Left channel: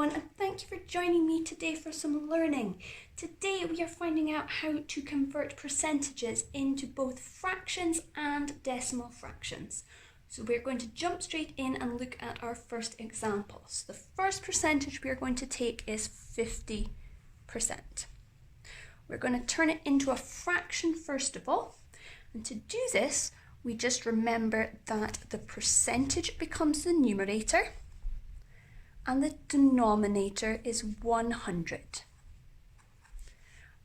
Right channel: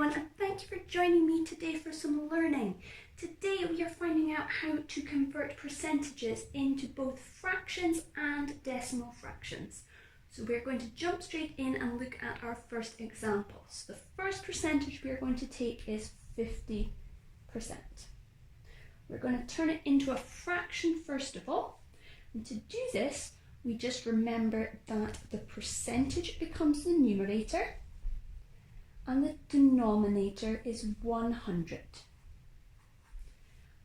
everyone, and thank you for joining me today for some learning. Today we are finding out how to convert percentages into both fractions and decimal fractions. So we're going to jump straight in and look at our first example. So the first percentage we are going to take is 50%. We're going to turn it into a fraction first of all, and to do this we just remember that the percentage becomes the numerator and the denominator is 100.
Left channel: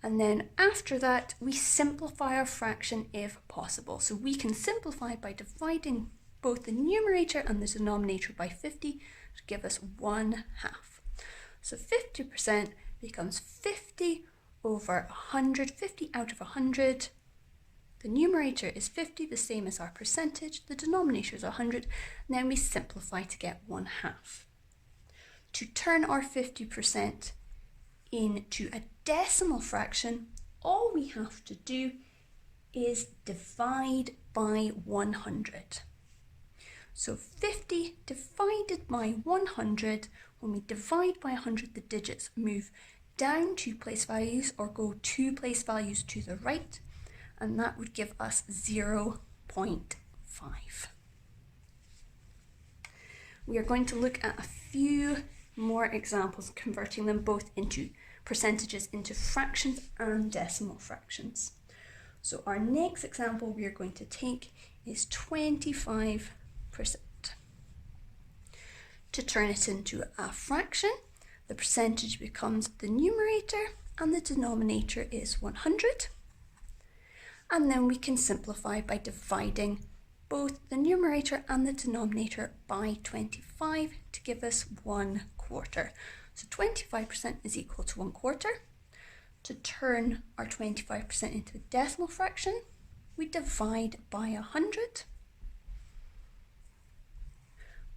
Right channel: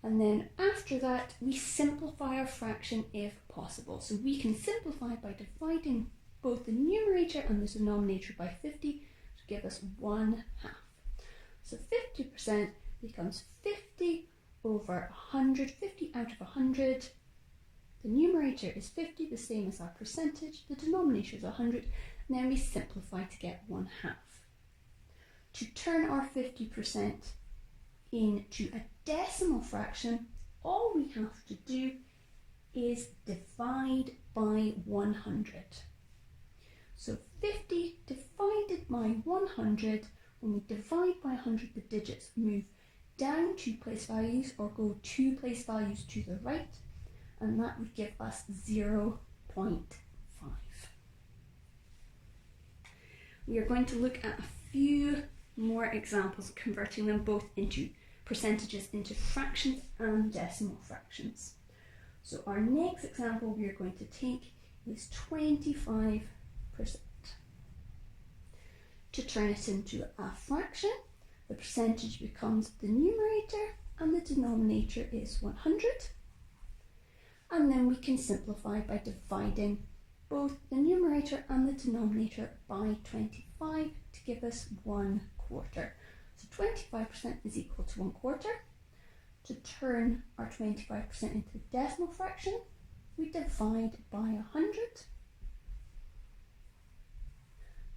And then after that, we simplify our fraction if possible. So we can simplify by dividing both the numerator and the denominator by 50 to give us 1/2. So 50% becomes 50 over 100, 50 out of 100. The numerator is 50, the same as our percentage. The denominator is 100. And then we simplify to get 1/2. To turn our 50% into a decimal fraction, all we have to do is divide by 100. So 50 divided by 100, when we divide by 100, the digits move down 2 place values or go 2 place values to the right, and that would give us 0.5. We are going to look at a few more examples converting them both into percentages into fractions and decimal fractions. So our next example we are going to take is 25%. To turn it into a fraction, the percentage becomes the numerator and the denominator is 100. And then we can simplify by dividing both the numerator and the denominator by 25 to give us 1/4. So 25% is equal to 1/4. To turn our 25% into a decimal fraction, we divide by 100,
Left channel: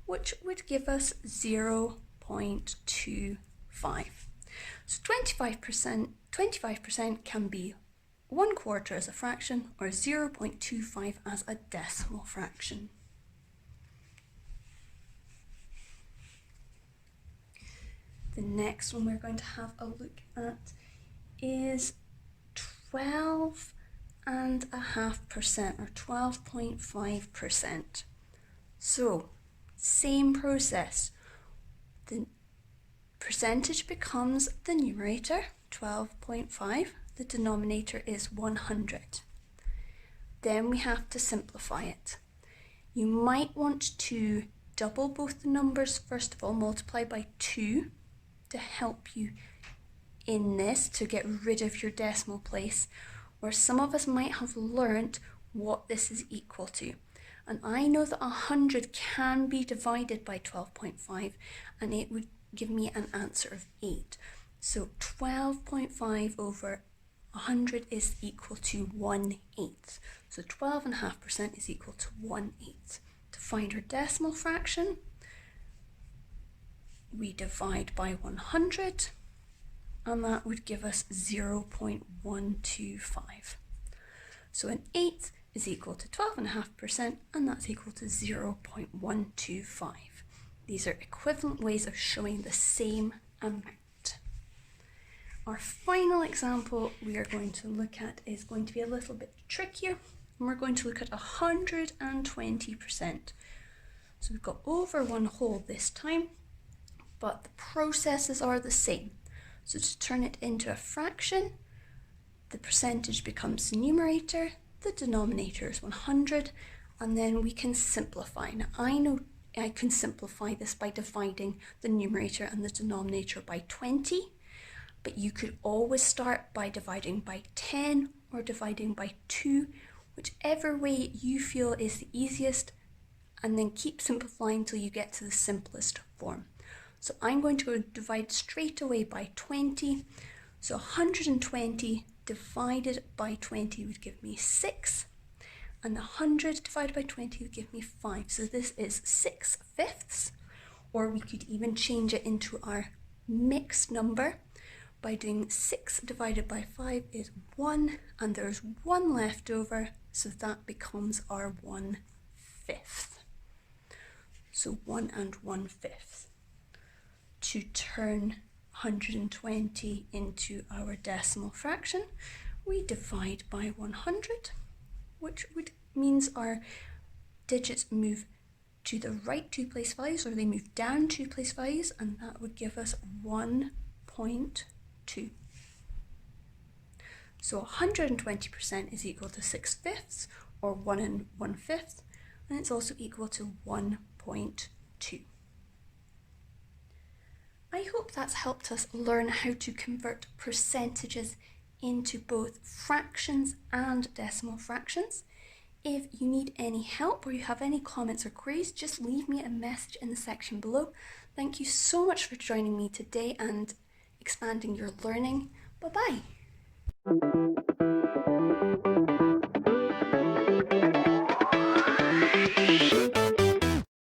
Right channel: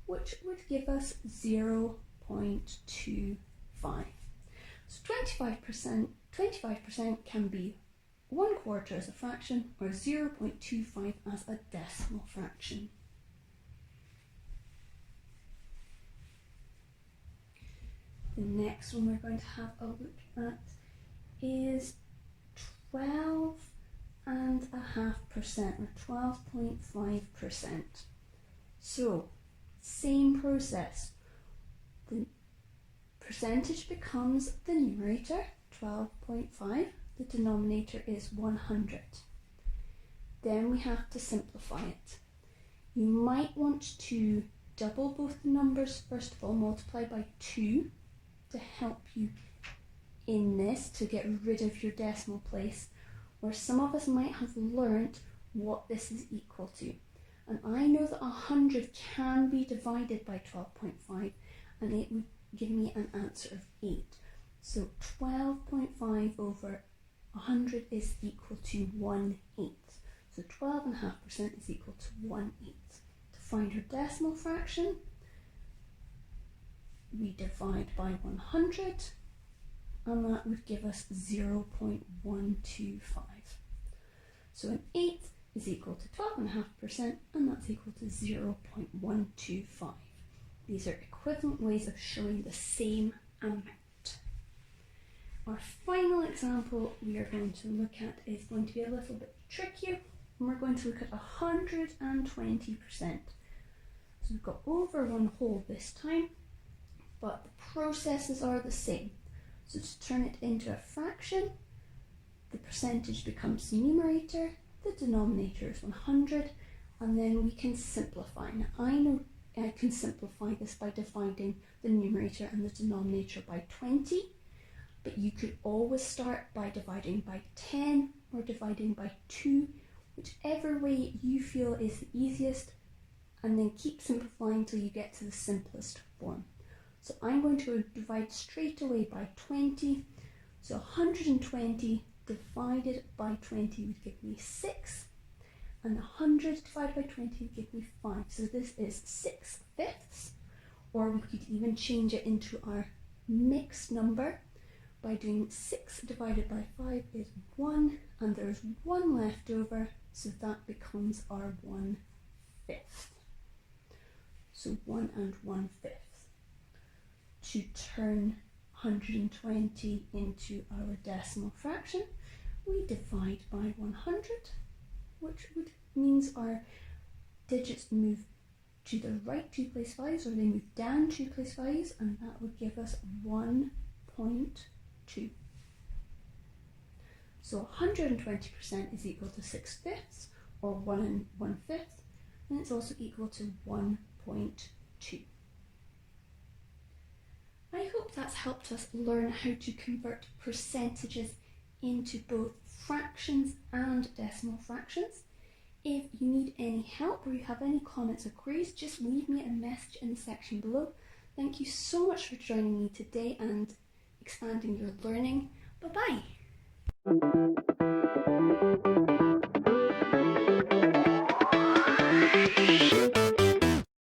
which would give us 0.25. So 25% can be 1/4 as a fraction or 0.25 as a decimal fraction. The next one we're going to have a look at is 12.5% or 12.5%. So same process. The percentage becomes the numerator, 12.5. The denominator is 100. Then we have to simplify it. You might want to double both the numbers first of all, multiply by 2 to help you in this to get rid of your decimal place, or some of us might have learnt what this is equal to. And I know that 100 can be divided by 12.5 and it would give me an answer of 8. So 12.5 over 100 is equal to 1/8. So 12.5% is equal to 1/8. To find our decimal fraction, we divide by 100 and that would give us 0.125. So an 8 is equal to 12.5% and that's equal to 0.125. These are equivalent ways of showing the same amount. Our final example we are going to look at is going to be a little bit trickier, and we're going to look at 120%. So we've got over 1/2 this time, but the processes are the same. So to turn it into a fraction, the percentage becomes the numerator, the denominator is 100, and then we can simplify. Now I know I can simplify this by dividing the numerator and the denominator by 20, but you could always start by dividing by 10 or dividing by 2, whichever way you feel is the easiest, and then keep simplifying till you get to the simplest form. So I'm going to divide straight away by 20. So 120 divided by 20 would give me 6, and 100 divided by 20 would give me 5. So this is 6/5, or we could even change it into our mixed number by doing 6 divided by 5 is 1, and there's 1 left over, so that becomes our 1/5. So 1 and 1/5. to turn 120 into our decimal fraction, we divide by 100, which means our digits move to the right 2 place values, or they move down 2 place values, and that would give us 1.2. So 120% is equal to 6/5, or 1 1/5, and it's also equal to 1.2. I hope that's helped us learn how to convert percentages into both fractions and decimal fractions. If you need any help or you have any comments or queries, just leave me a message in the section below. Thank you so much for joining me today and expanding your learning. Bye-bye.